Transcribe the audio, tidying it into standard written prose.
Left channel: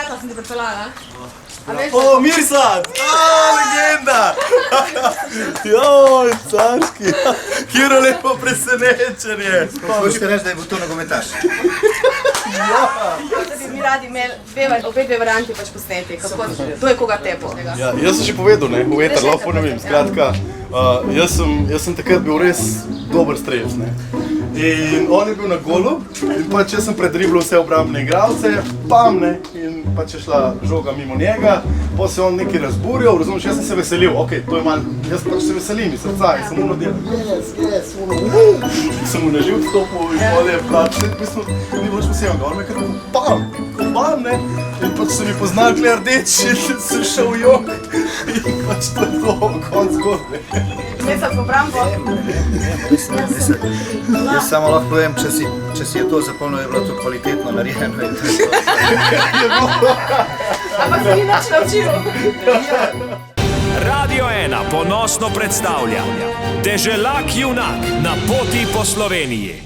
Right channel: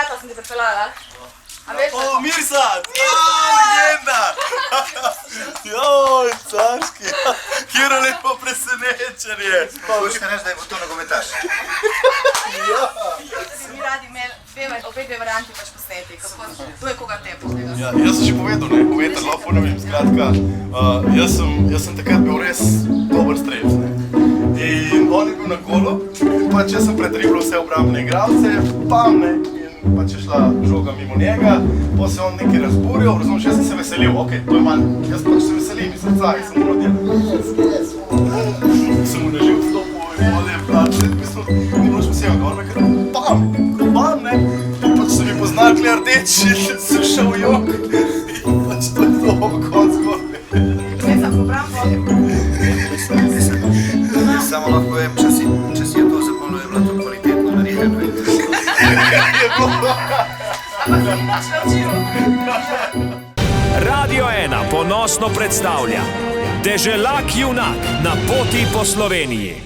prijatelj sem ti pripeljala. Mirsad! Legenda! Joj, carski! Kjero lepo presenečenje! Hočete reči, da je bil to nogometaš? Tudi mi radi imeli obe dve varianti pač posneti. To je koga tepostega. Ja, jaz sem že povedal, ne, v eter, lahko ponovim. Skratka, jaz sem takrat bil res dober strelec, ne. In on je bil na golu, in pač jaz sem predriblil vse obrambne igralce, pam, ne, in pač je šla žoga mimo njega, potem se on nekaj razburjal, razumeš, jaz sem se veselil, okej, to je malo, jaz pač se veselim iz srca, jaz sem uno delal. Sem mu na živ stopil in vode je plačal, in mislim, ni bilo še posebno, on me kar pam, ne, in pač so mi poznali kle rdeči, in sem šel v jok, in pač to je to, konc zgodbe. Jaz sem po Brambo. Jaz samo lahko povem, če si je to zapolnil, je bilo to kvalitetno narejeno. Ampak se ni nič naučil. Radio 1 ponosno predstavlja Deželak junak na poti po Sloveniji.